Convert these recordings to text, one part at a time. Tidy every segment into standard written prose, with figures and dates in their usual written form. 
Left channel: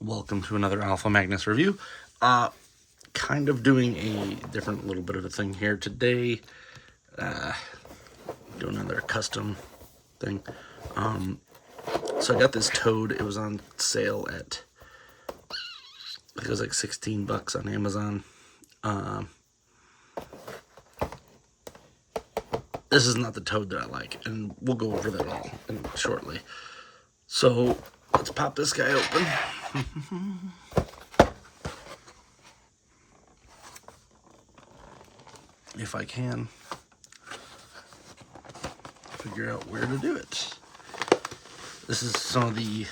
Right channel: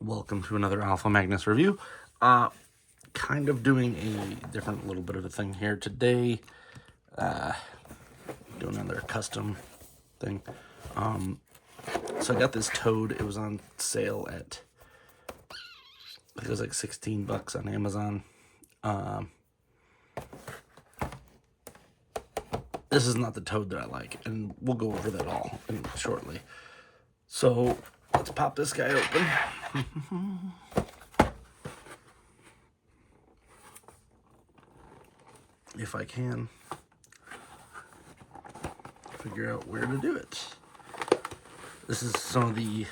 Welcome to another Alpha Magnus review. Kind of doing a different little bit of a thing here today. Doing another custom thing. So I got this Toad. It was on sale at, I think it was like $16 on Amazon. This is not the Toad that I like, and we'll go over that all shortly. So let's pop this guy open. If I can figure out where to do it. This is some of the,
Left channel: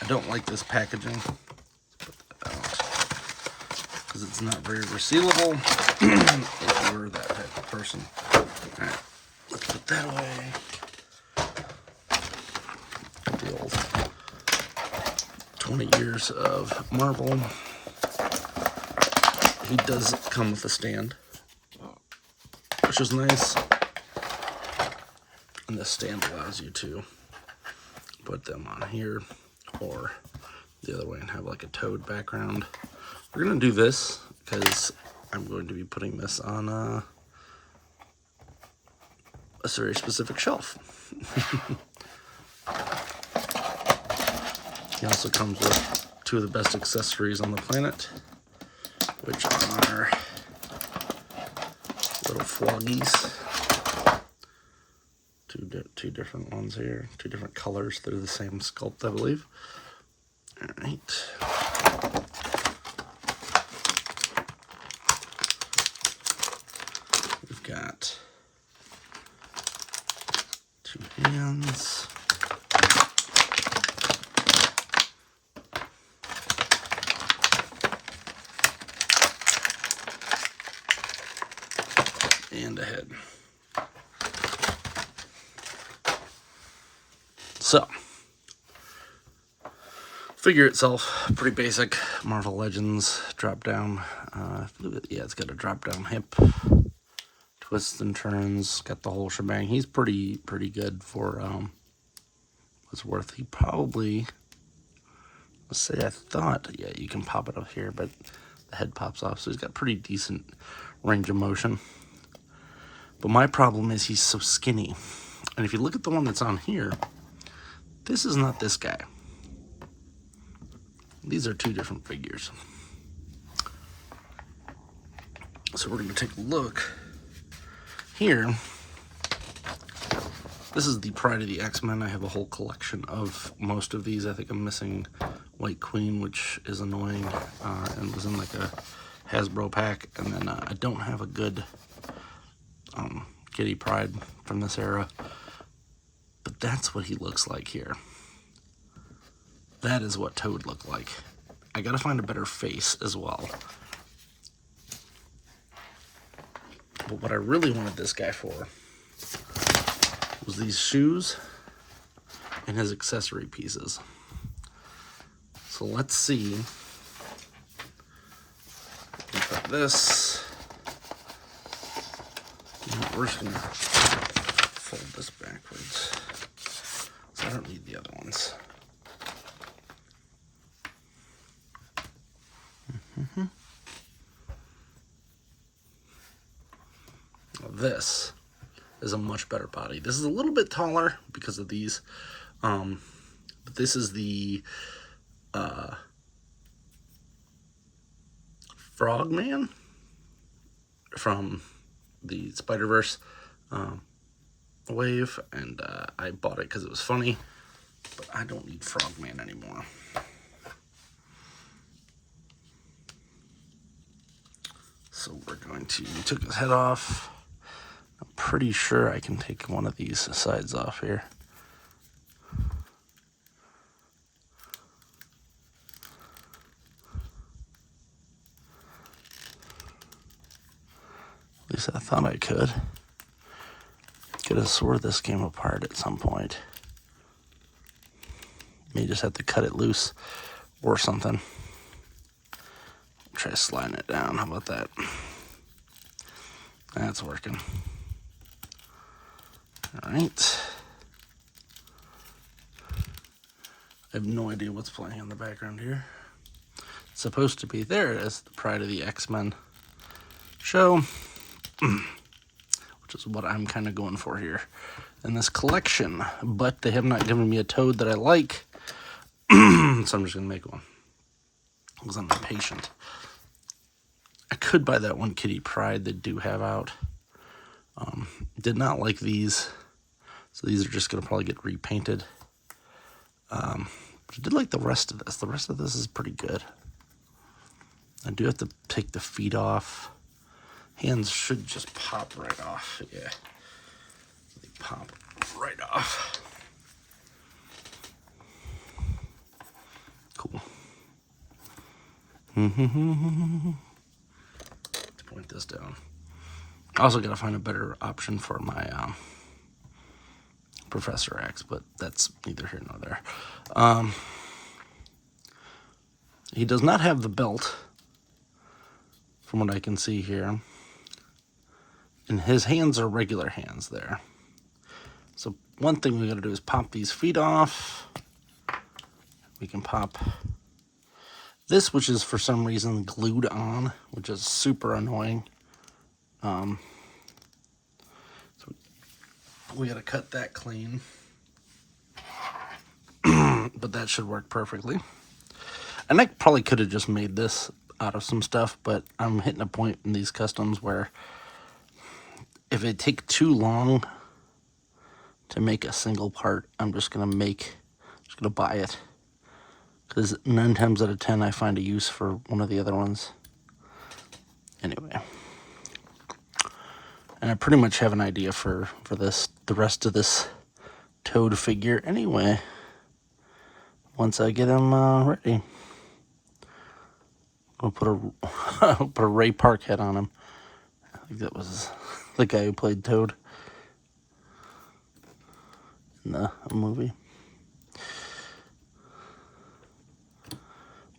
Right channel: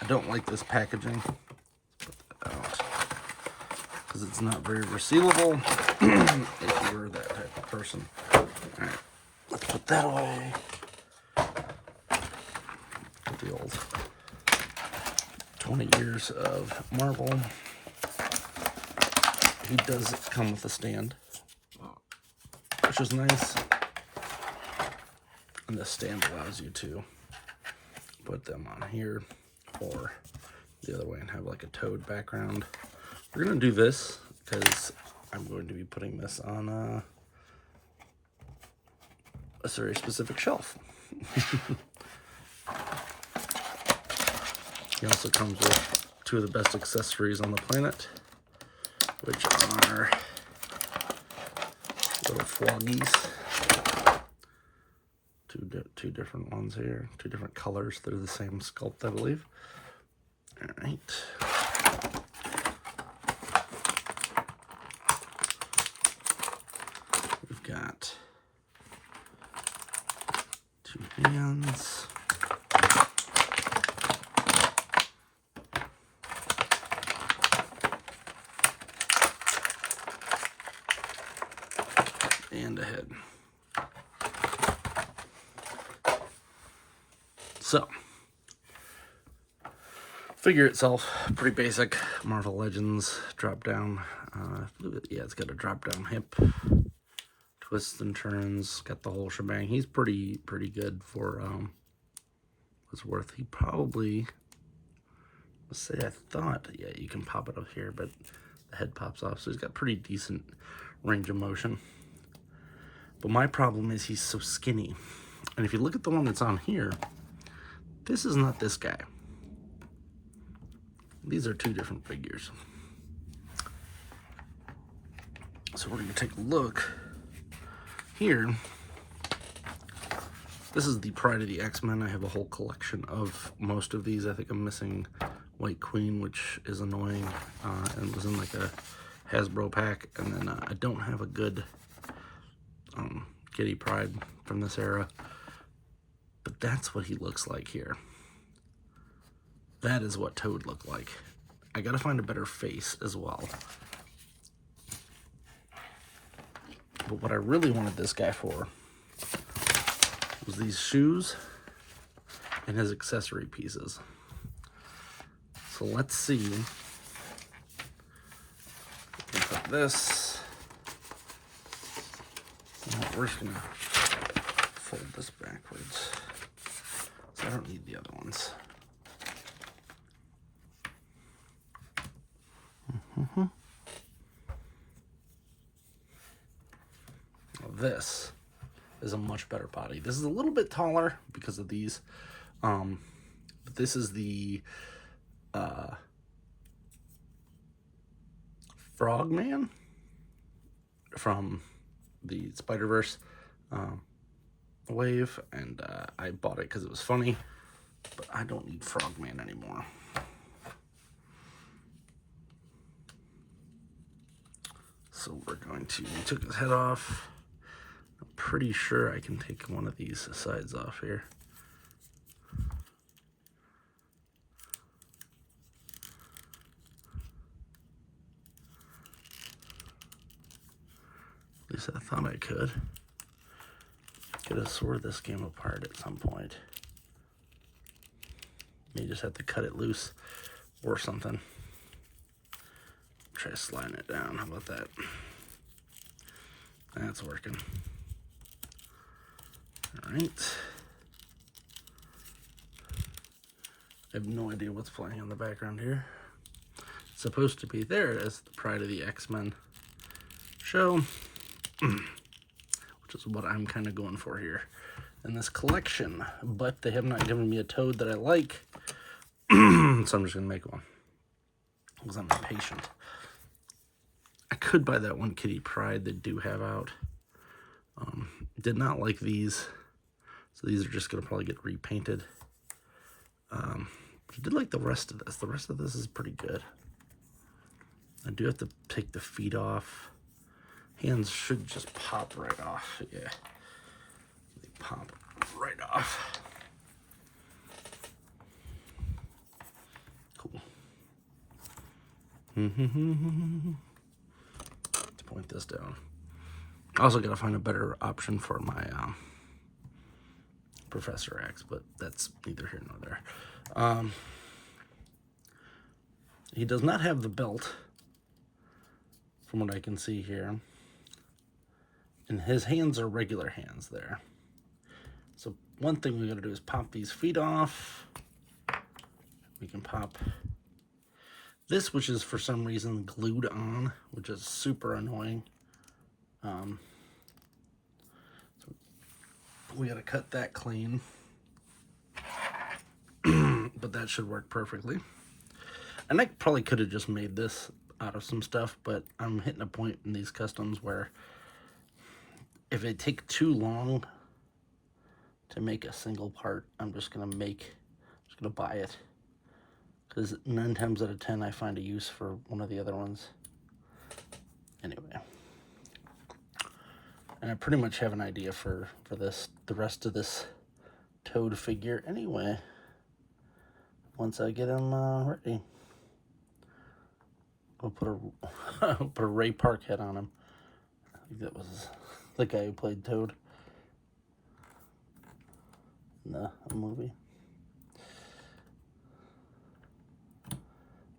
I don't like this packaging. Let's put that out because it's not very resealable if you're that type of person. All right, let's put that away. The old 20 years of Marvel. He does come with a stand, which is nice. And this stand allows you to put them on here or the other way and have like a Toad background. We're going to do this because I'm going to be putting this on a very specific shelf. He also comes with two of the best accessories on the planet, which are little floggies. Two different ones here, two different colors. They're the same sculpt, I believe. All right. We've got two hands. And a head. So, figure itself, pretty basic. Marvel Legends drop down. Yeah, it's got a drop down hip, twists and turns, got the whole shebang. He's pretty good for what's worth. He probably, let's say, I thought, yeah, you can pop it up here, but the head pops off, so he's got pretty decent range of motion. But my problem is he's so skinny. And if you look at the one that's on here, this is not this guy. These are two different figures. So we're going to take a look here. This is the Pryde of the X-Men. I have a whole collection of most of these. I think I'm missing White Queen, which is annoying, and was in like a Hasbro pack. And then I don't have a good Kitty Pryde from this era. But that's what he looks like here. That is what Toad looked like. I gotta find a better face as well. But what I really wanted this guy for was these shoes and his accessory pieces. So let's see. Put this. We're just gonna fold this backwards. So I don't need the other ones. This is a much better body. This is a little bit taller because of these, but this is the Frogman from the Spider-Verse wave, and I bought it because it was funny, but I don't need Frogman anymore. So we're going to, we took his head off. I'm pretty sure I can take one of these sides off here. At least I thought I could. Could have swore this came apart at some point. May just have to cut it loose or something. Try sliding it down. How about that? That's working. All right. I have no idea what's playing in the background here. It's supposed to be, there it is, the Pryde of the X-Men show, which is what I'm kind of going for here in this collection. But they have not given me a Toad that I like, so I'm just going to make one because I'm impatient. I could buy that one Kitty Pryde they do have out. Did not like these, so these are just going to probably get repainted. I did like the rest of this. The rest of this is pretty good. I do have to take the feet off. Hands should just pop right off. Yeah, they pop right off. Cool. Let's point this down. I also got to find a better option for my Professor X, but that's neither here nor there. He does not have the belt, from what I can see here. And his hands are regular hands there. So one thing we got to do is pop these feet off. We can pop this, which is for some reason glued on, which is super annoying. So we got to cut that clean. But that should work perfectly. And I probably could have just made this out of some stuff, but I'm hitting a point in these customs where if it take too long to make a single part, I'm just gonna buy it. Because 9 times out of 10 I find a use for one of the other ones. Anyway. And I pretty much have an idea for the rest of this Toad figure anyway. Once I get him ready. I'll put a Ray Park head on him. I think that was the guy who played Toad in the movie.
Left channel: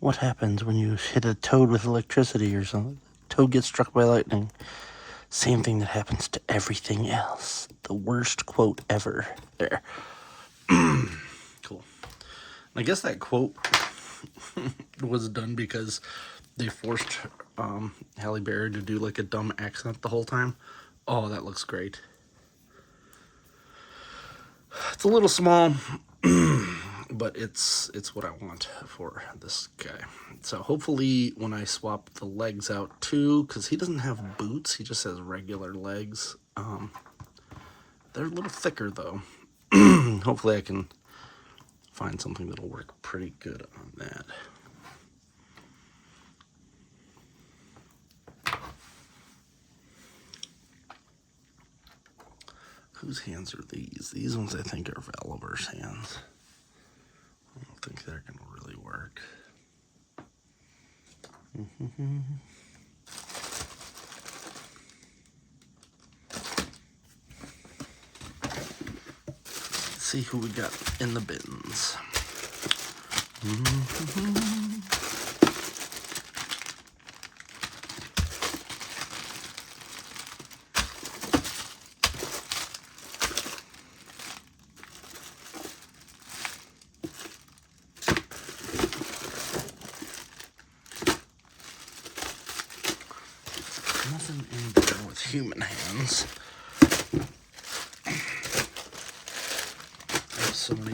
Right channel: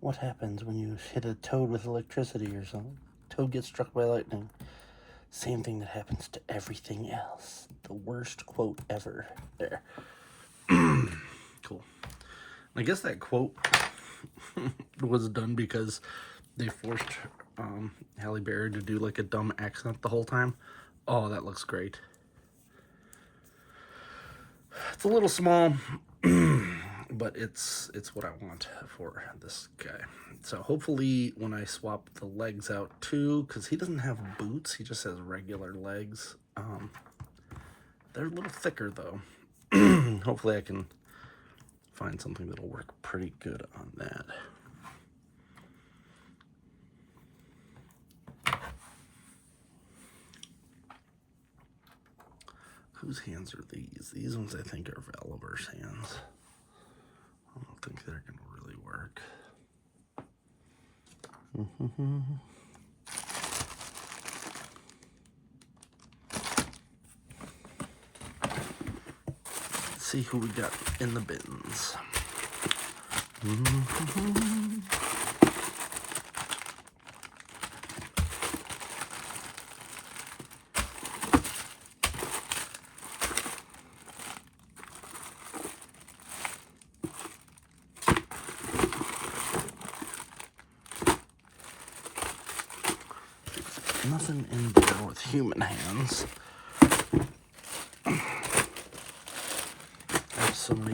What happens when you hit a Toad with electricity or something? Toad gets struck by lightning. Same thing that happens to everything else. The worst quote ever. There. Cool. I guess that quote was done because they forced Halle Berry to do like a dumb accent the whole time. Oh, that looks great. It's a little small, but it's what I want for this guy. So hopefully when I swap the legs out too, because he doesn't have boots, he just has regular legs. They're a little thicker though. Hopefully I can find something that'll work pretty good on that. Whose hands are these? These ones I think are Valiver's hands. I don't think they're going to really work. Let's see who we got in the bins. Nothing in there with human hands. I have so many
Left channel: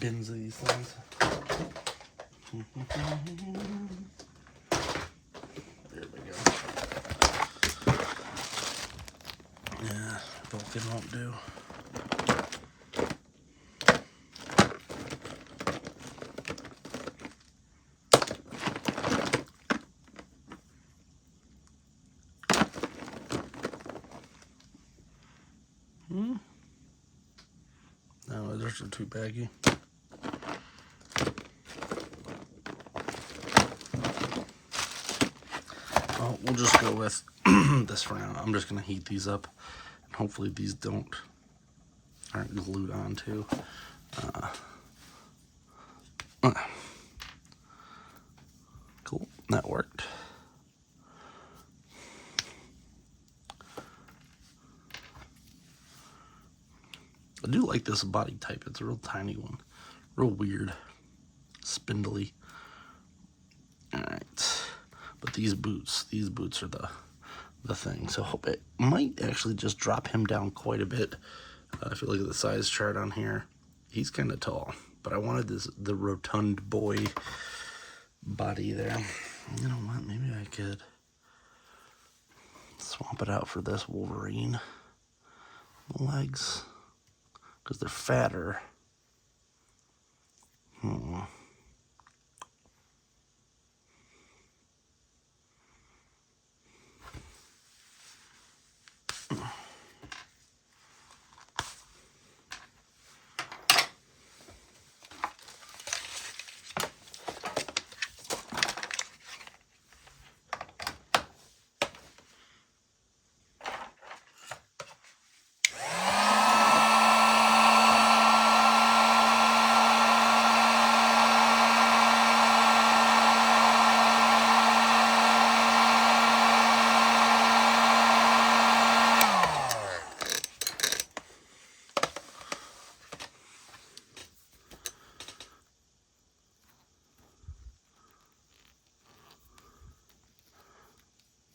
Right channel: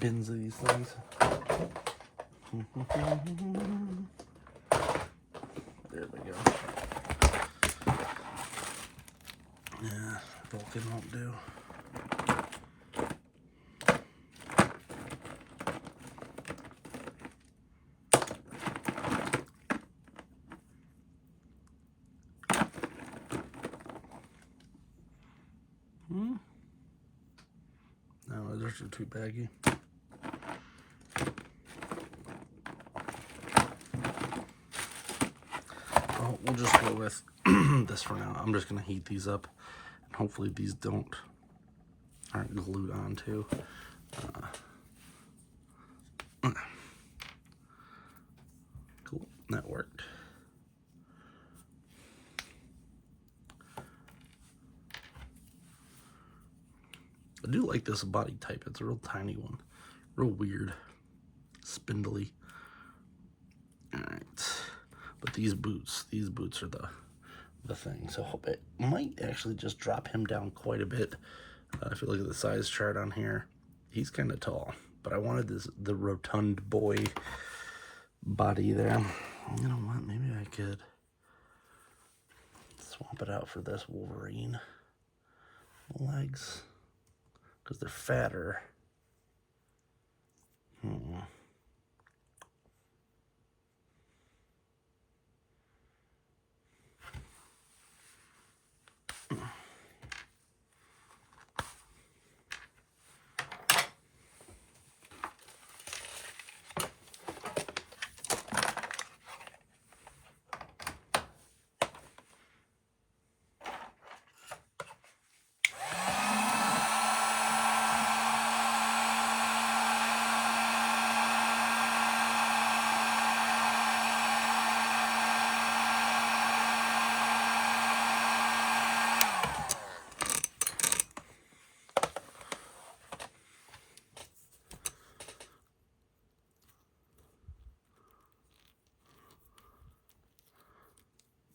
bins of these things. There we go. Yeah, Vulcan won't do. No, those are too baggy. Oh, we'll just go with this for now. I'm just gonna heat these up, and hopefully these aren't glued onto. Cool, that worked. I do like this body type. It's a real tiny one. Real weird. spindly. All right, but these boots are the thing. So it might actually just drop him down quite a bit. If you look at the size chart on here, he's kind of tall, but I wanted the rotund boy body there. You know what? Maybe I could swap it out for this Wolverine legs because they're fatter.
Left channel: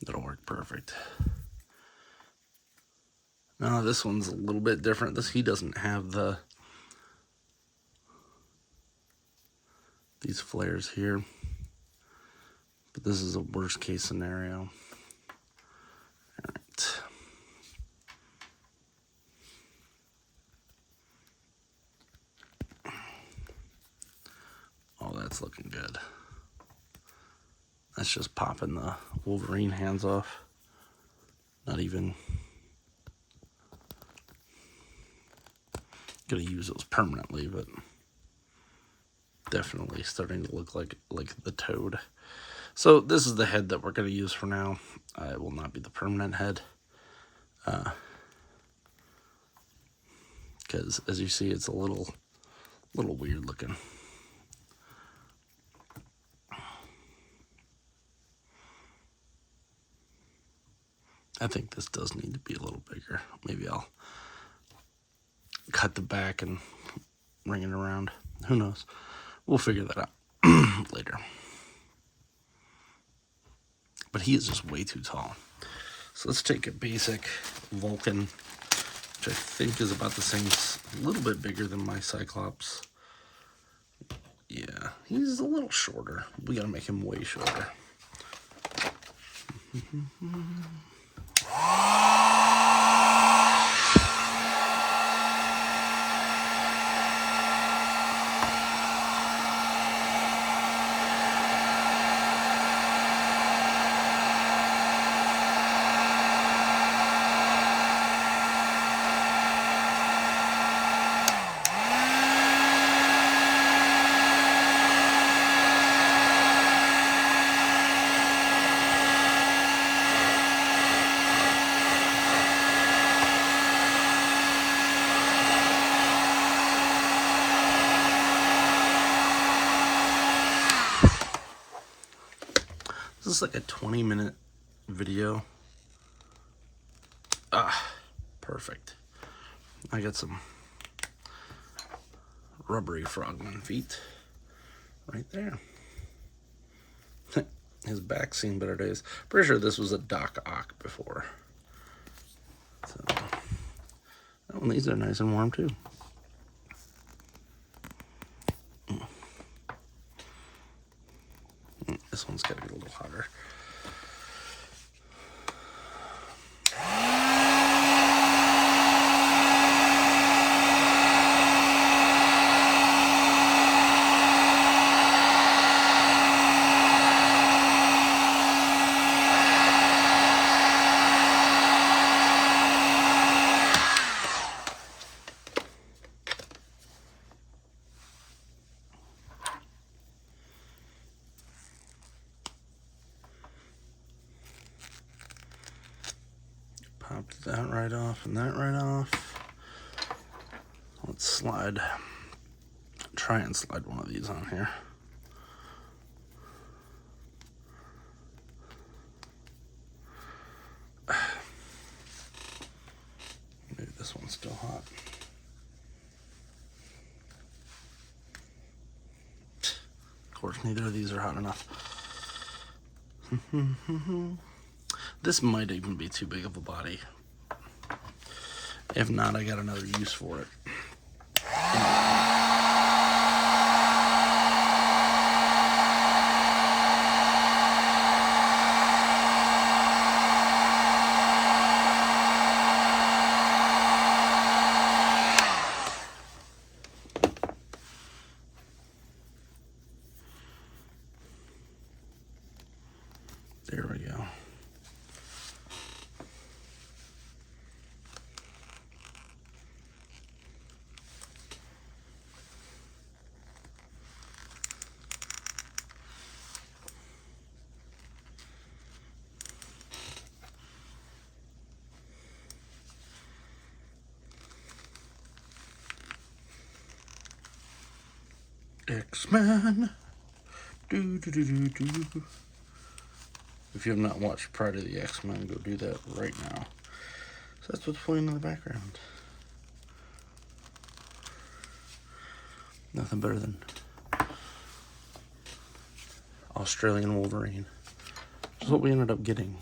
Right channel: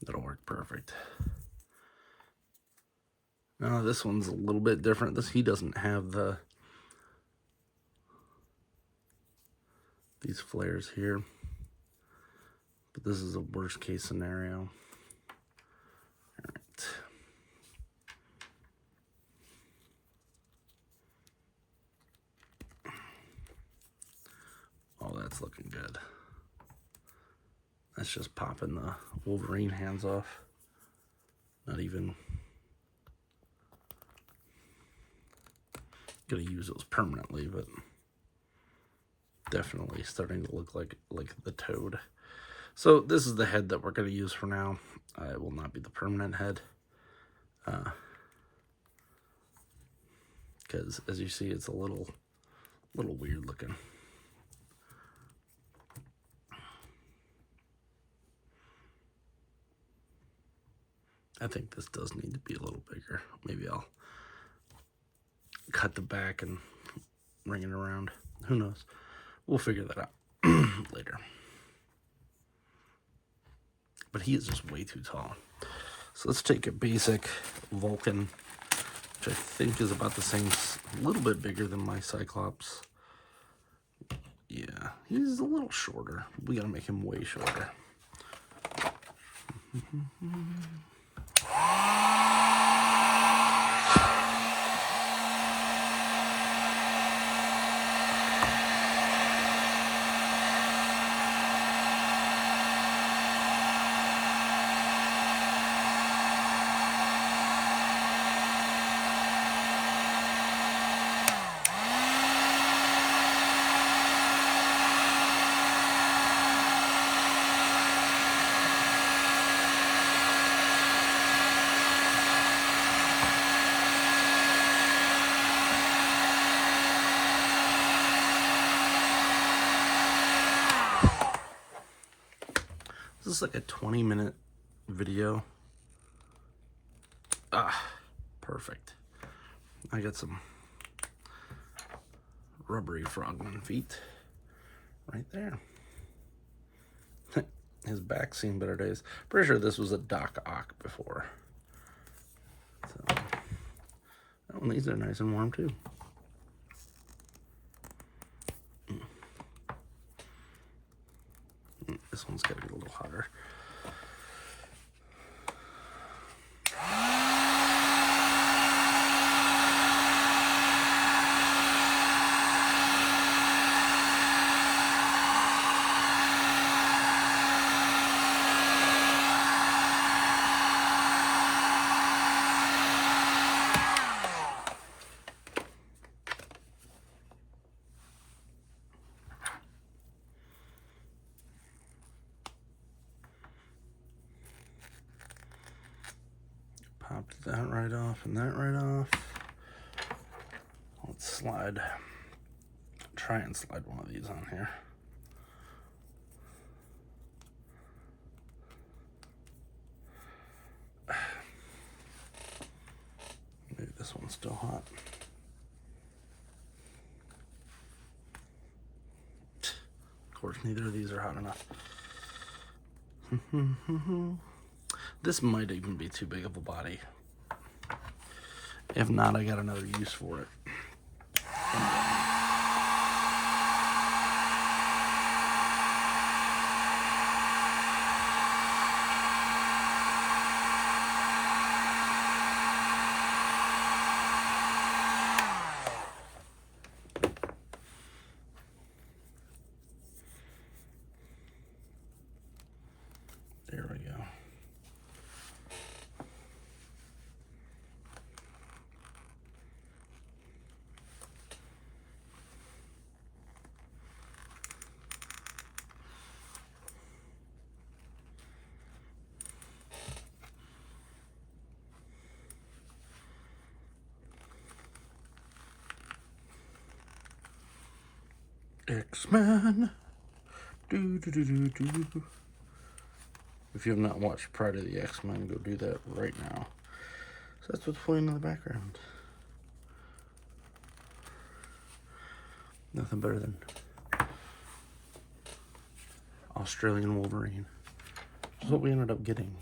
That'll work perfect. Now this one's a little bit different. He doesn't have these flares here, but this is a worst case scenario. All right. Oh, that's looking good. That's just popping the Wolverine hands off. Not even gonna use those permanently, but definitely starting to look like the Toad. So this is the head that we're gonna use for now. It will not be the permanent head, because as you see, it's a little weird looking. I think this does need to be a little bigger. Maybe I'll cut the back and ring it around. Who knows? We'll figure that out later. But he is just way too tall. So let's take a basic Vulcan, which I think is about the same, a little bit bigger than my Cyclops. Yeah, he's a little shorter. We gotta make him way shorter. This is like a 20-minute video. Perfect. I got some rubbery frogman feet right there. His back's seen better days. Pretty sure this was a Doc Ock before. So, oh, and these are nice and warm too. This one's got to be a little hotter. Popped that right off and that right off. Let's try and slide one of these on here. Maybe this one's still hot. course, neither of these are hot enough. This might even be too big of a body. If not, I got another use for it. There we go. X-Men. Do, do, do, do, do. If you have not watched Pryde of the X-Men, go do that right now. So that's what's playing in the background. Nothing better than Australian Wolverine. That's what we ended up getting.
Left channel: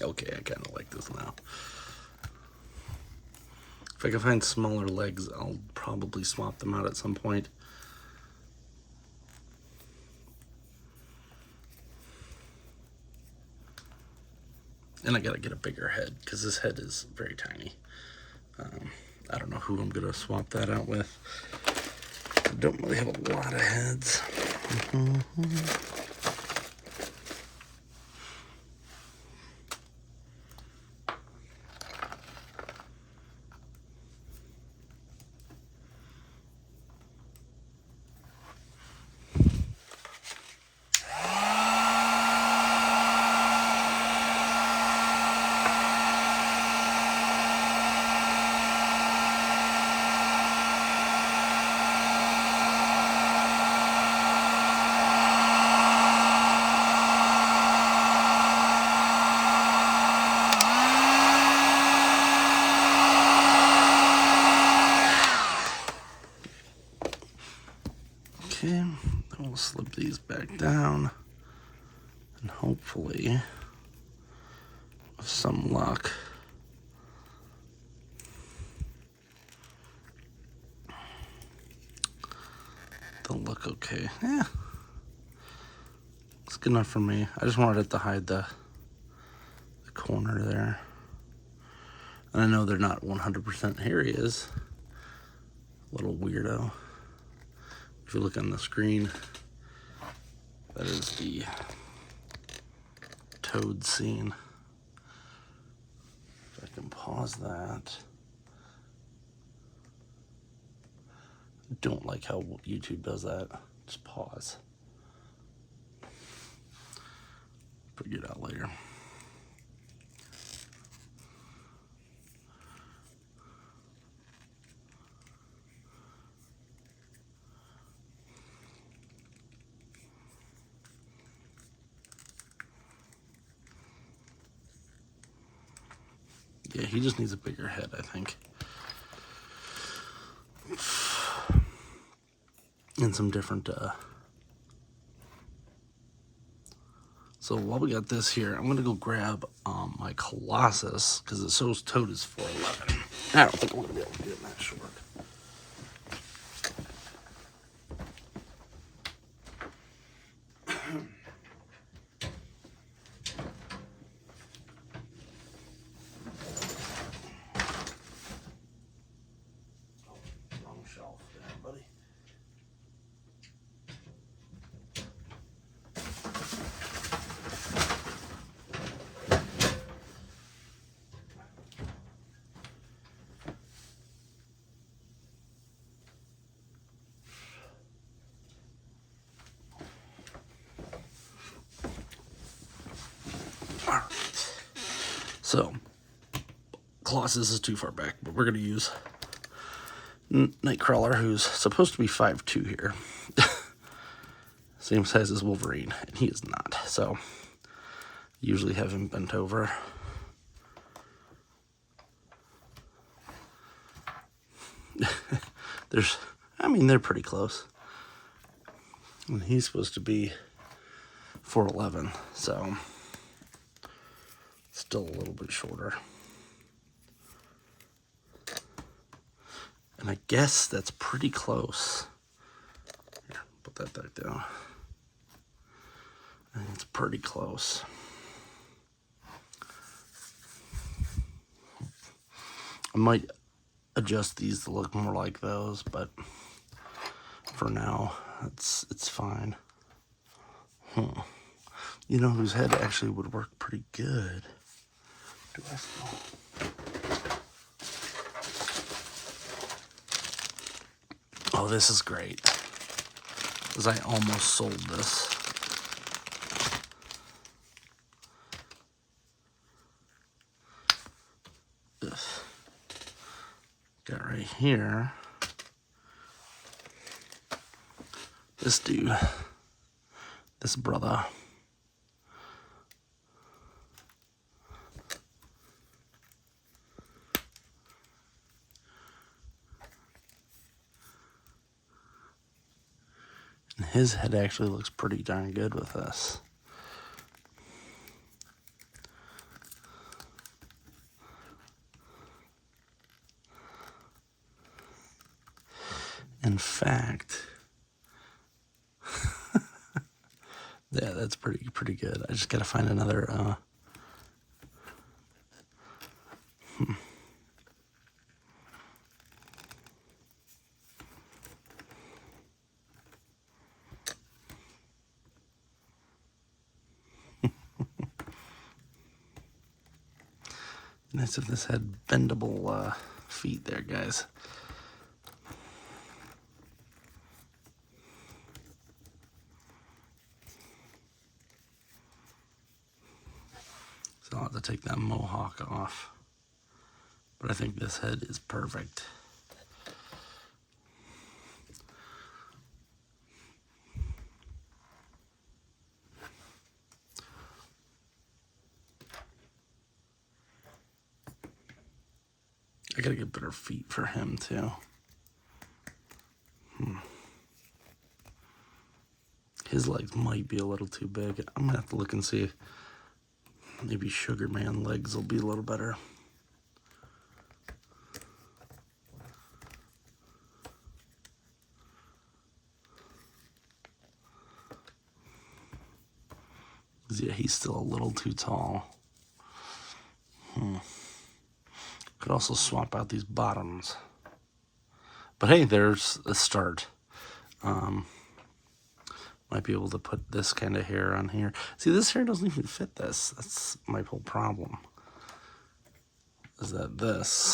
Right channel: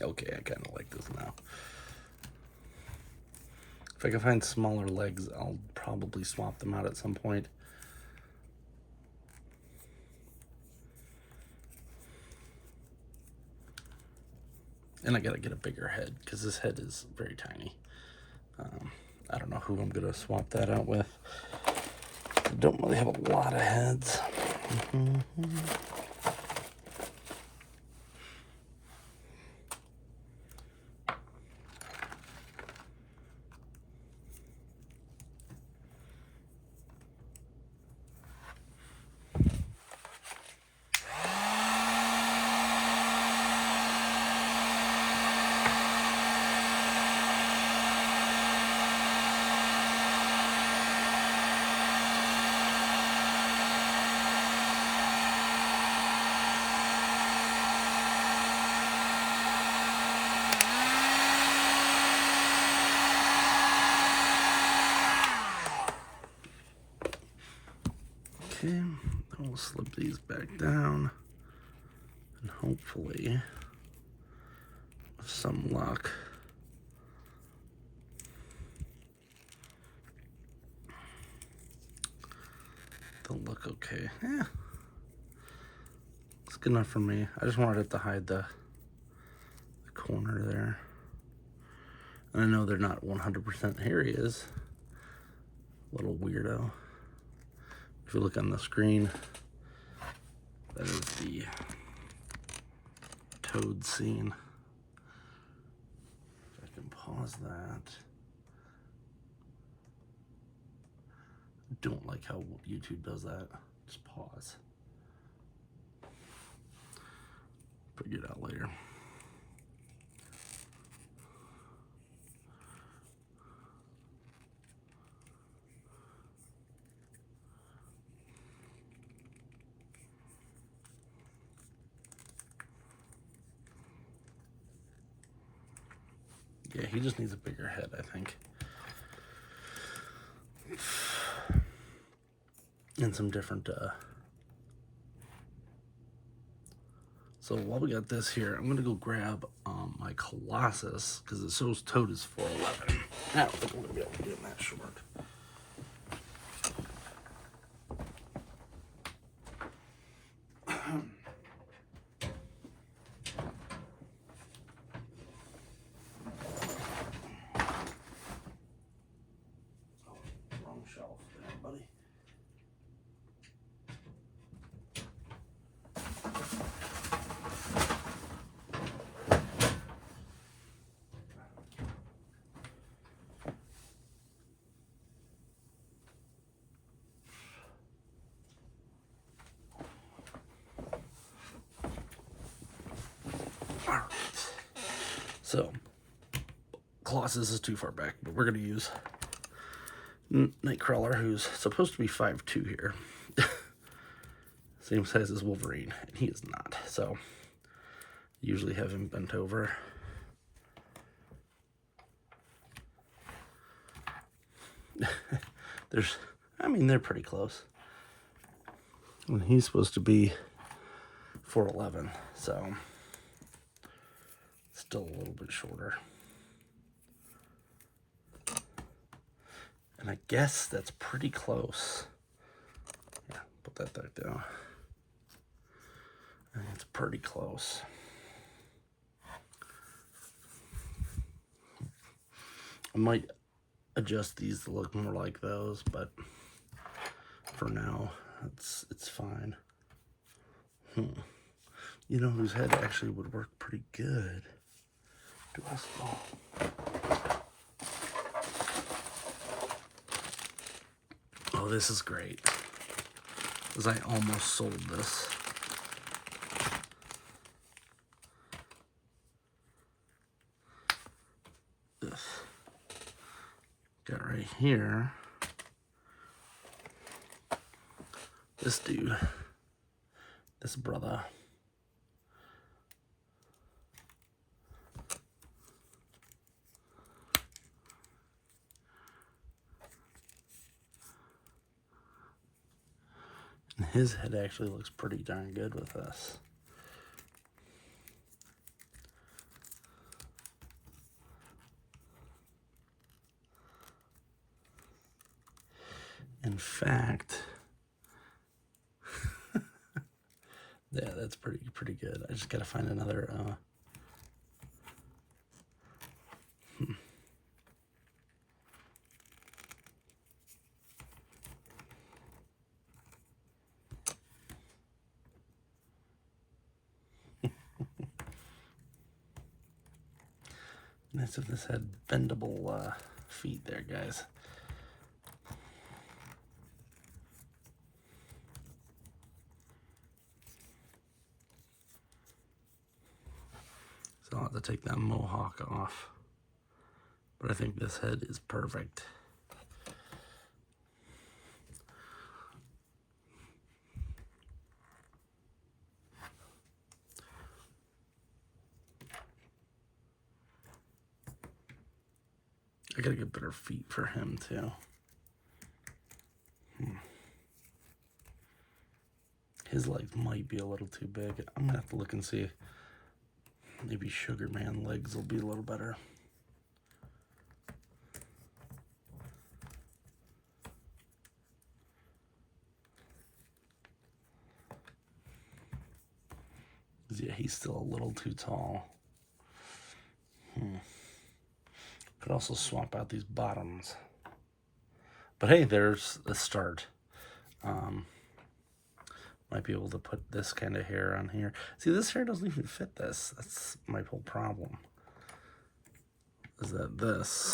Okay, I kind of like this now. If I can find smaller legs, I'll probably swap them out at some point. And I gotta get a bigger head, because this head is very tiny. I don't know who I'm gonna swap that out with. I don't really have a lot of heads. Okay, then we'll slip these back down, and hopefully, with some luck, they'll look okay. Yeah, it's good enough for me. I just wanted it to hide the corner there. And I know they're not 100%. Here he is, little weirdo. If you look on the screen, that is the toad scene. If I can pause that. I don't like how YouTube does that. Just pause. Figure it out later. Yeah, he just needs a bigger head, I think. And some different, So while we got this here, I'm gonna go grab my Colossus, because it shows Toad is 4'11". I don't think I'm gonna be able to get him that short. Wrong shelf. buddy. All right. So, Colossus is too far back, but we're going to use Nightcrawler, who's supposed to be 5'2" here. Same size as Wolverine, and he is not. So, usually have him bent over. They're pretty close. And he's supposed to be 4'11", so still a little bit shorter. And I guess that's pretty close. Yeah, put that back down. I think it's pretty close. I might adjust these to look more like those, but for now, it's fine. You know whose head actually would work pretty good? Do I fall? Oh, this is great. Because I almost sold this. Ugh. Got right here. This dude. This brother. And his head actually looks pretty darn good with this. In fact, yeah, that's pretty good. I just gotta find another. Nice if this had bendable feet there, guys. So I'll have to take that mohawk off. But I think this head is perfect. I gotta get better feet for him too. His legs might be a little too big. I'm gonna have to look and see. Maybe Sugar Man legs will be a little better. Yeah, he's still a little too tall. Could also swap out these bottoms. But hey, there's a start. Might be able to put this kind of hair on here. See, this hair doesn't even fit this. That's my whole problem. Is that this